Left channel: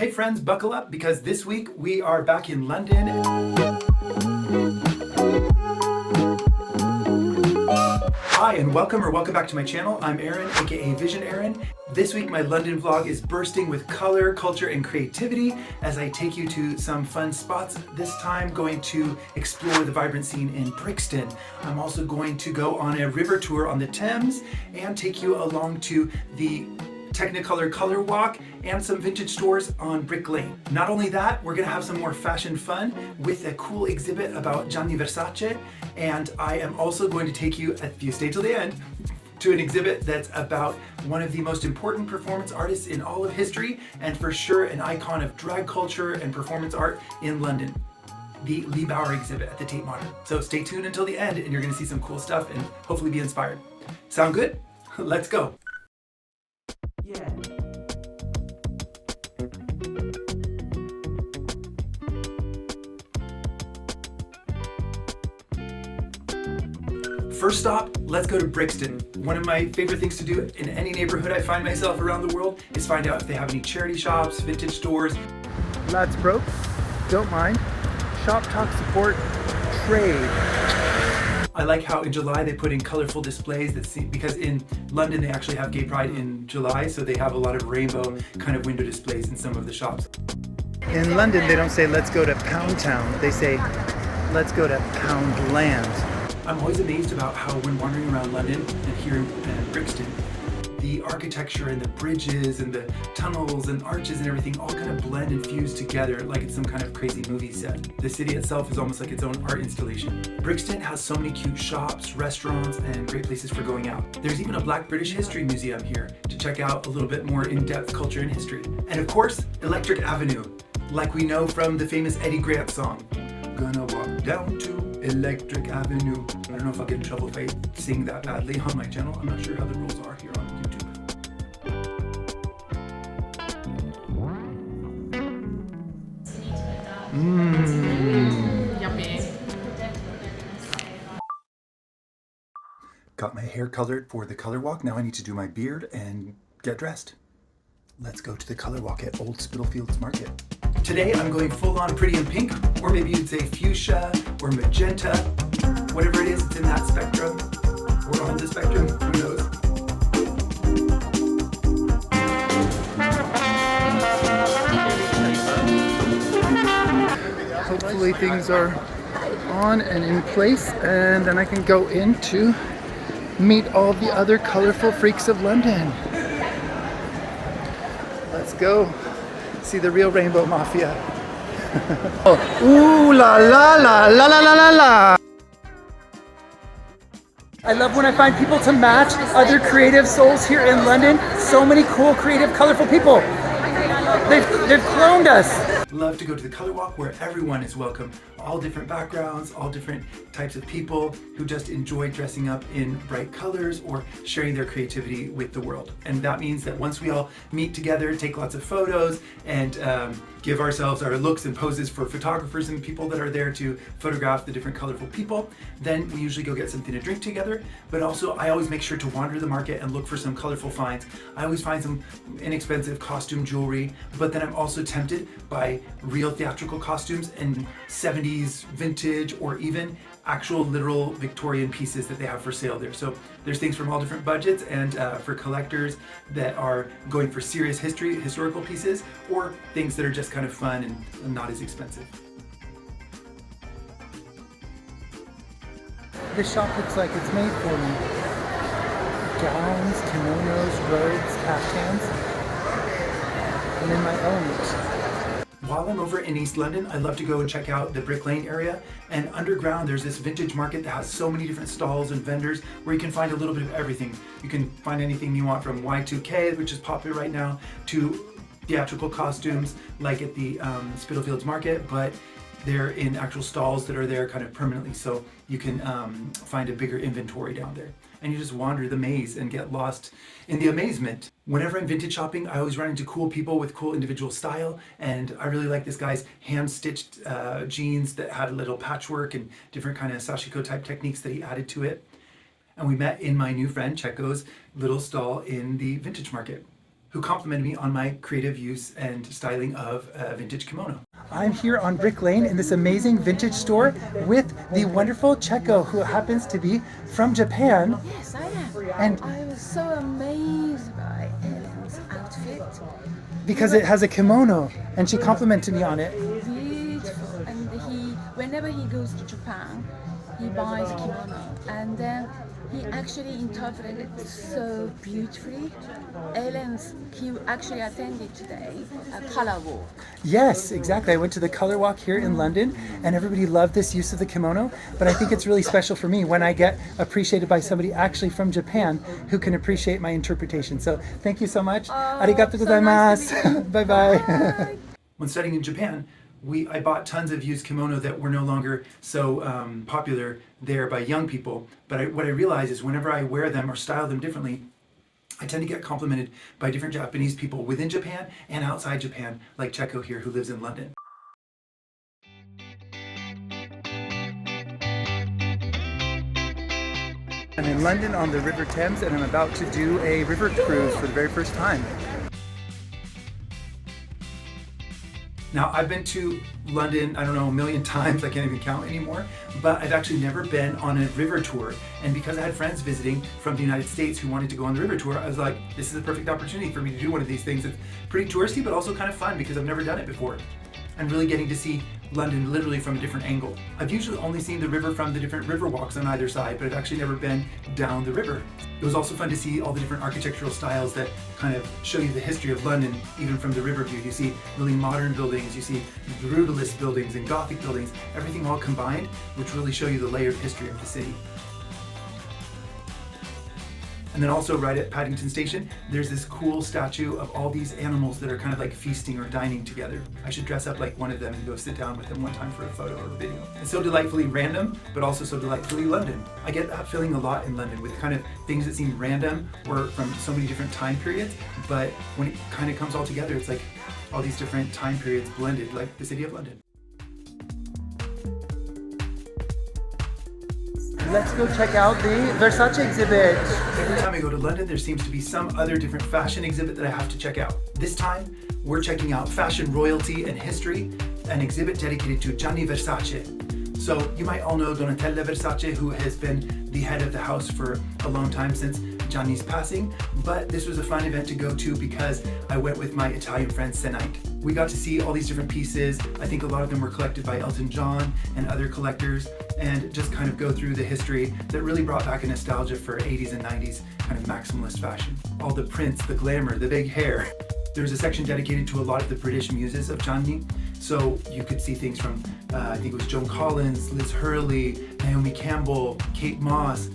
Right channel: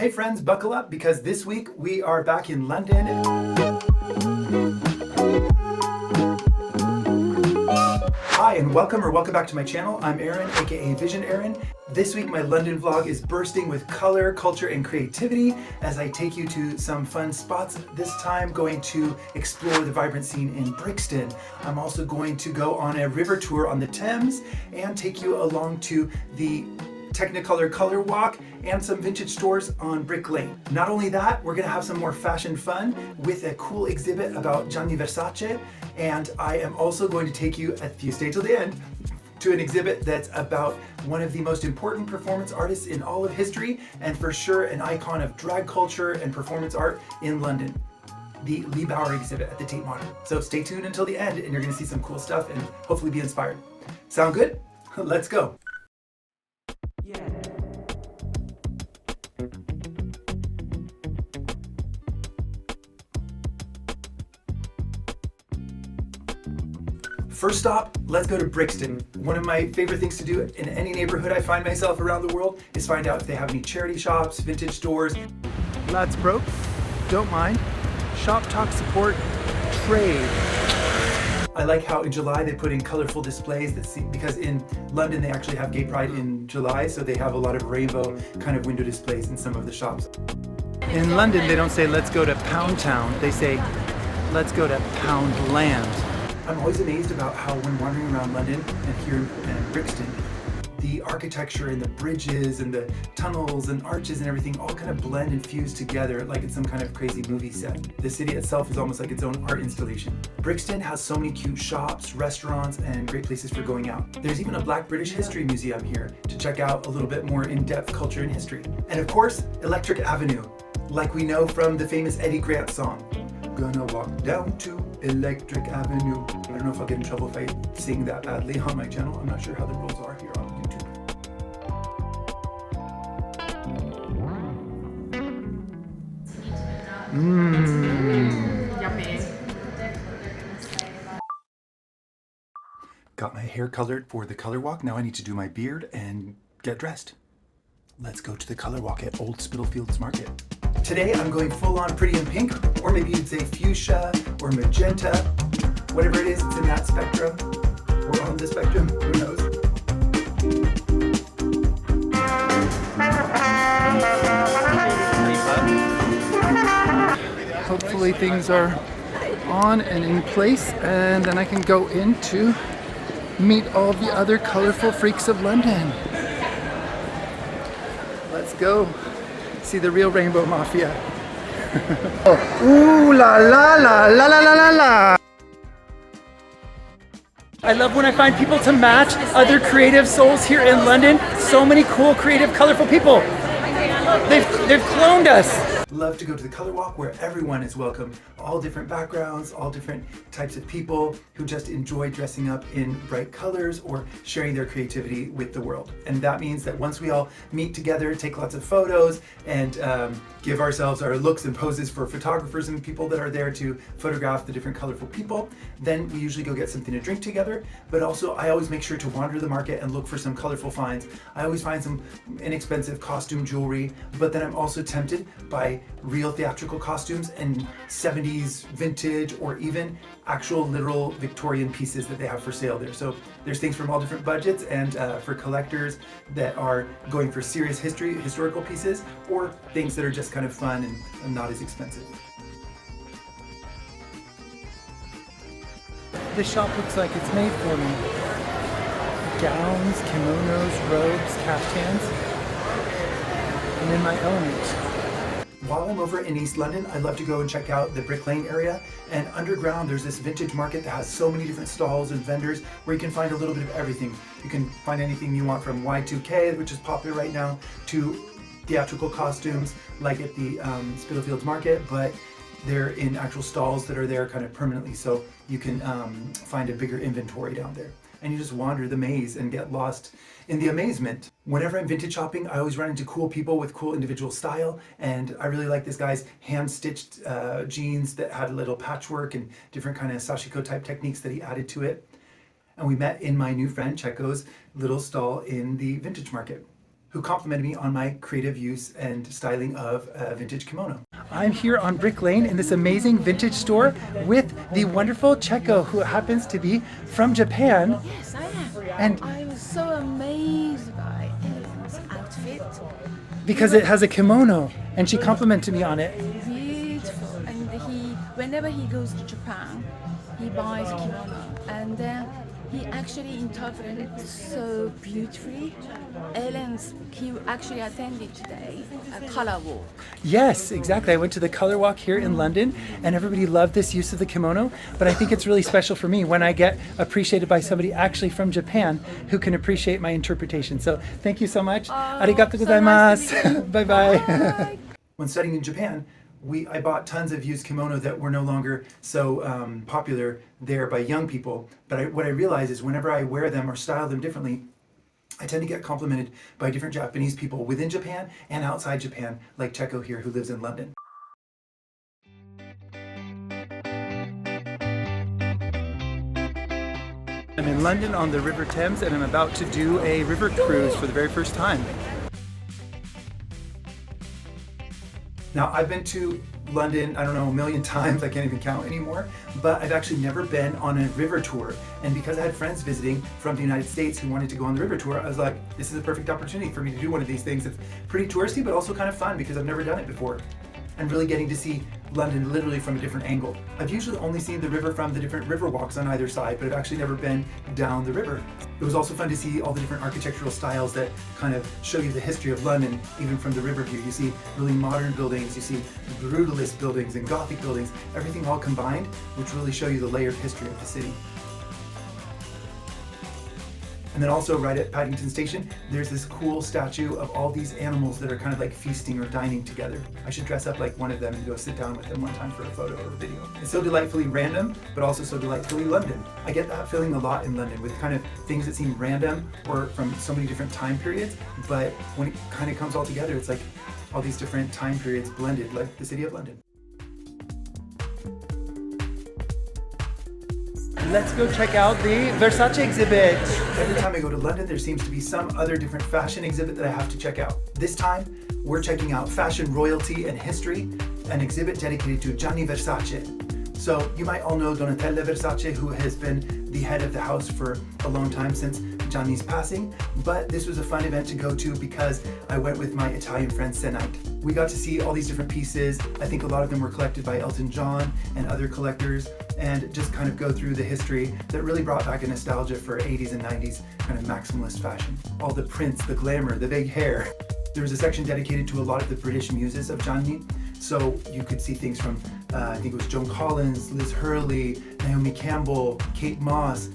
Hey friends, buckle up because this week we are back in London. Hi and welcome back to my channel. I'm Aaron, aka Visionaaron. This week my London vlog is bursting with color, culture, and creativity as I take you to some fun spots. This time going to explore the vibrant scene in Brixton. I'm also going to go on a river tour on the Thames and take you along to the Technicolor color walk and some vintage stores on Brick Lane. Not only that, we're gonna have some more fashion fun with a cool exhibit about Gianni Versace, and I am also going to take you, if you stay till the end, to an exhibit that's about one of the most important performance artists in all of history, and for sure an icon of drag culture and performance art in London. The Leigh Bowery exhibit at the Tate Modern. So stay tuned until the end and you're gonna see some cool stuff and hopefully be inspired. Sound good? Let's go. Yeah. First stop, let's go to Brixton. One of my favorite things to do in any neighborhood I find myself around the world is find out if they have any charity shops, vintage stores. Lads broke, don't mind. Shop talk support, trade. I like how in July they put in colorful displays that see, because in London they actually have Gay Pride in July, so they have a lot of rainbow kind of window displays in some of the shops. In London they don't say let's go to Pound Town, they say let's go to Pound Land. I'm always amazed about how when wandering around London and here in Brixton, the architecture and the bridges and the tunnels and arches and everything all kind of blend and fuse together like it's some kind of crazy movie set. The city itself is almost like its own art installation. Brixton has so many cute shops, restaurants, and great places for going out. There's even a Black British History Museum here to check out a little bit more in-depth culture and history. And of course, Electric Avenue, like we know from the famous Eddie Grant song. Gonna walk down to Electric Avenue. I don't know if I'll get in trouble if I sing that badly on my channel. I'm not sure how the rules are here on YouTube. Yummy. Got my hair colored for the color walk. Now I need to do my beard and get dressed. Let's go to the color walk at Old Spitalfields Market. Today I'm going full on pretty in pink, or maybe you'd say fuchsia or magenta. Whatever it is, it's in that spectrum, or on the spectrum, who knows. Hopefully things are on and in place, and then I can go in to meet all the other colorful freaks of London. Let's go see the real Rainbow Mafia. Oh, ooh la la la la la la la la. I love when I find people to match other creative souls here in London. So many cool, creative, colorful people. They've cloned us. Love to go to the color walk where everyone is welcome. All different backgrounds, all different types of people who just enjoy dressing up in bright colors or sharing their creativity with the world. And that means that once we all meet together, take lots of photos, and give ourselves our looks and poses for photographers and people that are there to photograph the different colorful people, then we usually go get something to drink together. But also I always make sure to wander the market and look for some colorful finds. I always find some inexpensive costume jewelry, but then I'm also tempted by real theatrical costumes and 70s vintage or even actual literal Victorian pieces that they have for sale there. So there's things from all different budgets, and for collectors that are going for serious historical pieces, or things that are just kind of fun and not as expensive. This shop looks like it's made for me. Gowns, kimonos, robes, caftans. I'm in my element. While I'm over in East London, I love to go and check out the Brick Lane area, and underground there's this vintage market that has so many different stalls and vendors where you can find a little bit of everything. You can find anything you want, from Y2K, which is popular right now, to theatrical costumes like at the Spitalfields Market, but they're in actual stalls that are there kind of permanently, so you can find a bigger inventory down there. And you just wander the maze and get lost in the amazement. Whenever I'm vintage shopping, I always run into cool people with cool individual style, and I really like this guy's hand-stitched jeans that had a little patchwork and different kind of sashiko type techniques that he added to it. And we met in my new friend Checo's little stall in the vintage market. who complimented me on my creative use and styling of a vintage kimono. I'm here on Brick Lane in this amazing vintage store with the wonderful Checo, who happens to be from Japan. Yes, I am. And I was so amazed by Ellen's outfit. because it has a kimono, and she complimented me on it. Beautiful. And whenever he goes to Japan, he buys a kimono. And then he actually interpreted it so beautifully. He actually attended today a color walk. Yes, exactly. I went to the color walk here in London, and everybody loved this use of the kimono. But I think it's really special for me when I get appreciated by somebody actually from Japan who can appreciate my interpretation. So thank you so much. Arigato so nice gozaimasu. Bye bye. Bye. When studying in Japan, I bought tons of used kimono that were no longer so popular there by young people. But what I realize is whenever I wear them or style them differently, I tend to get complimented by different Japanese people within Japan and outside Japan, like Checo here, who lives in London. I'm in London on the River Thames, and I'm about to do a river cruise for the very first time. Now, I've been to London, I don't know, a million times, I can't even count anymore, but I've actually never been on a river tour. And because I had friends visiting from the United States who wanted to go on the river tour, I was like, this is a perfect opportunity for me to do one of these things. It's pretty touristy, but also kind of fun because I've never done it before. And really getting to see London literally from a different angle. I've usually only seen the river from the different river walks on either side, but I've actually never been down the river. It was also fun to see all the different architectural styles that kind of show you the history of London, even from the river view. You see really modern buildings, you see brutalist buildings and Gothic buildings, everything all combined, which really show you the layered history of the city. And then also right at Paddington Station, there's this cool statue of all these animals that are kind of like feasting or dining together. I should dress up like one of them and go sit down with them one time for a photo or a video. It's so delightfully random, but also so delightfully London. I get that feeling a lot in London with kind of things that seem random or from so many different time periods, but when it kind of comes all together, it's like all these different time periods blended, like the city of London. Let's go check out the Versace exhibit. Every time I go to London, there seems to be some other different fashion exhibit that I have to check out. This time, we're checking out fashion royalty and history, an exhibit dedicated to Gianni Versace. So you might all know Donatella Versace, who has been the head of the house for a long time since Gianni's passing, but this was a fun event to go to because I went with my Italian friend Tate. We got to see all these different pieces. I think a lot of them were collected by Elton John and other collectors, and just kind of go through the history that really brought back a nostalgia for 80s and 90s kind of maximalist fashion. All the prints, the glamour, the big hair. There's a section dedicated to a lot of the British muses of Gianni. So you could see things from, I think it was Joan Collins, Liz Hurley, Naomi Campbell, Kate Moss,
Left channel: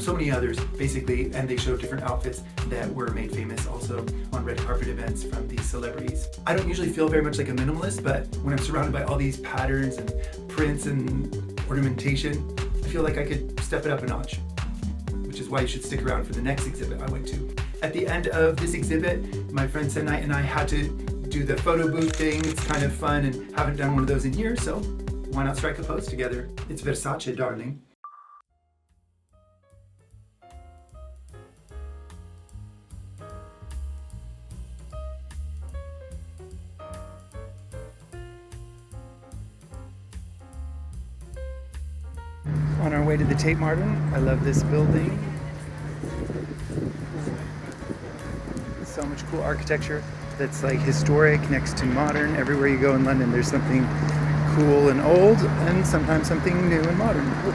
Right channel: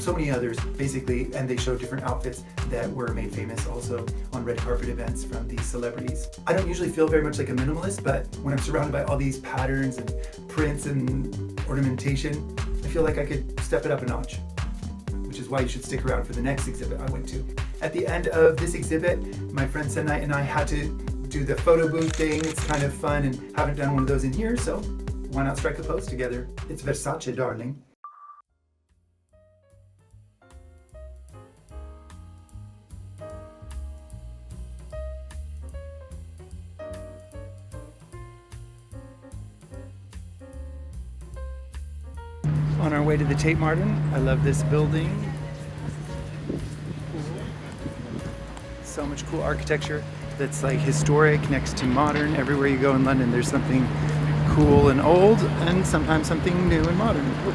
so many others basically, and they show different outfits that were made famous also on red carpet events from these celebrities. I don't usually feel very much like a minimalist, but when I'm surrounded by all these patterns and prints and ornamentation, I feel like I could step it up a notch, which is why you should stick around for the next exhibit I went to. At the end of this exhibit, my friend Tate and I had to do the photo booth thing. It's kind of fun and haven't done one of those in years, so why not strike a pose together? It's Versace, darling. On our way to the Tate Modern. I love this building. So much cool architecture that's like historic next to modern. Everywhere you go in London, there's something cool and old, and sometimes something new and modern. Ooh.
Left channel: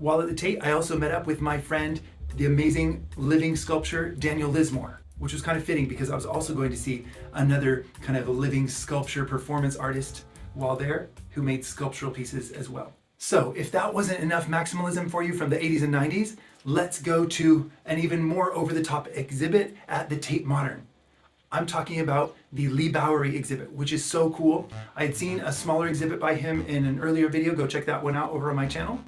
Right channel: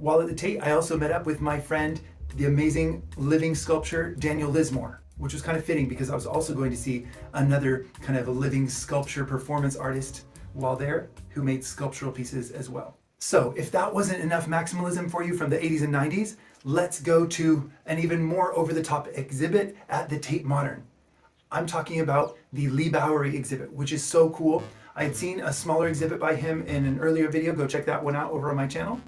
While at the Tate, I also met up with my friend, the amazing living sculptor, Daniel Lismore, which was kind of fitting because I was also going to see another kind of a living sculpture performance artist while there who made sculptural pieces as well. So if that wasn't enough maximalism for you from the 80s and 90s, let's go to an even more over-the-top exhibit at the Tate Modern. I'm talking about the Leigh Bowery exhibit, which is so cool. I had seen a smaller exhibit by him in an earlier video. Go check that one out over on my channel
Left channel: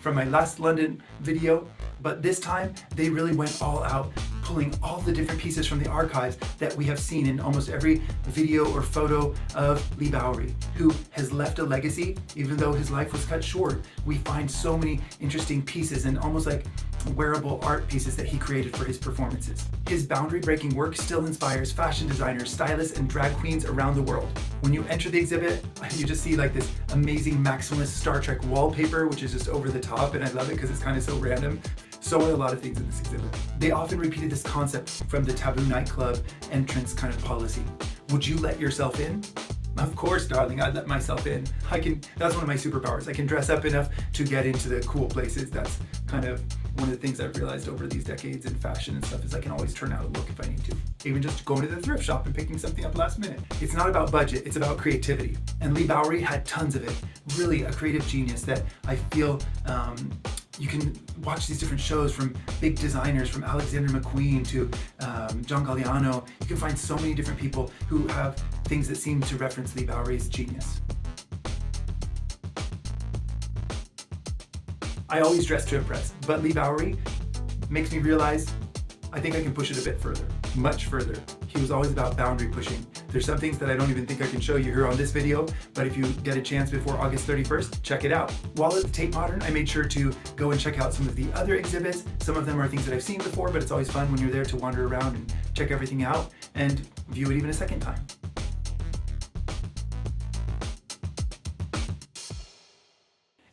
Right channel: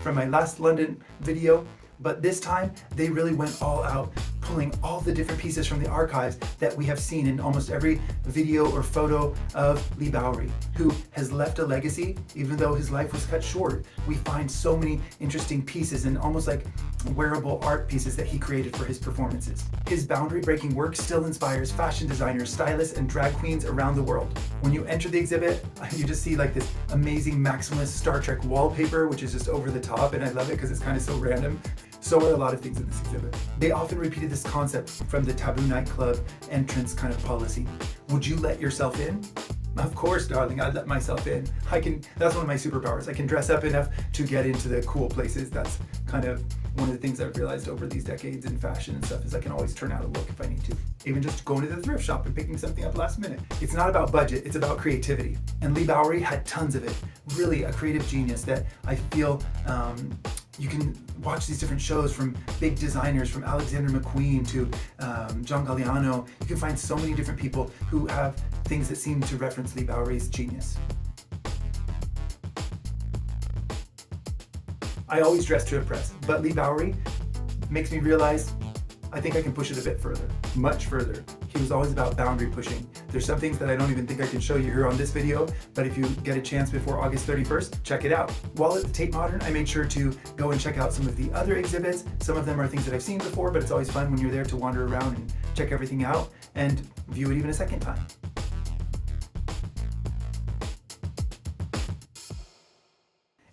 from my last London video. But this time they really went all out, pulling all the different pieces from the archives that we have seen in almost every video or photo of Leigh Bowery, who has left a legacy. Even though his life was cut short, we find so many interesting pieces and almost like wearable art pieces that he created for his performances. His boundary-breaking work still inspires fashion designers, stylists, and drag queens around the world. When you enter the exhibit, you just see like this amazing Maximalist Star Trek wallpaper, which is just over the top, and I love it because it's kind of so random. So are a lot of things in this exhibit. They often repeated this concept from the Taboo nightclub entrance kind of policy. Would you let yourself in? Of course, darling, I'd let myself in. That's one of my superpowers. I can dress up enough to get into the cool places. That's kind of one of the things I've realized over these decades in fashion and stuff is I can always turn out a look if I need to. Even just going to the thrift shop and picking something up last minute. It's not about budget, it's about creativity. And Leigh Bowery had tons of it. Really a creative genius that I feel you can watch these different shows from big designers, from Alexander McQueen to John Galliano. You can find so many different people who have things that seem to reference Leigh Bowery's genius. I always dress to impress, but Leigh Bowery makes me realize I think I can push it a bit further, much further. He was always about boundary pushing. There's some things that I don't even think I can show you here on this video, but if you get a chance before August 31st, check it out. While at the Tate Modern, I made sure to go and check out some of the other exhibits. Some of them are things that I've seen before, but it's always fun when you're there to wander around and check everything out and view it even a second time.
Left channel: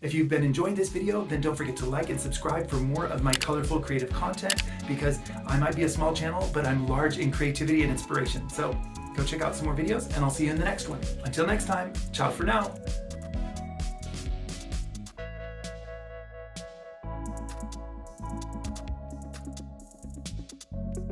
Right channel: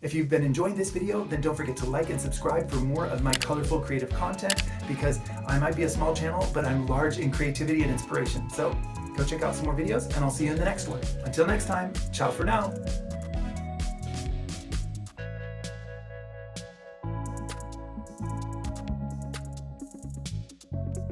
If you've been enjoying this video, then don't forget to like and subscribe for more of my colorful creative content, because I might be a small channel, but I'm large in creativity and inspiration. So go check out some more videos and I'll see you in the next one. Until next time, ciao for now.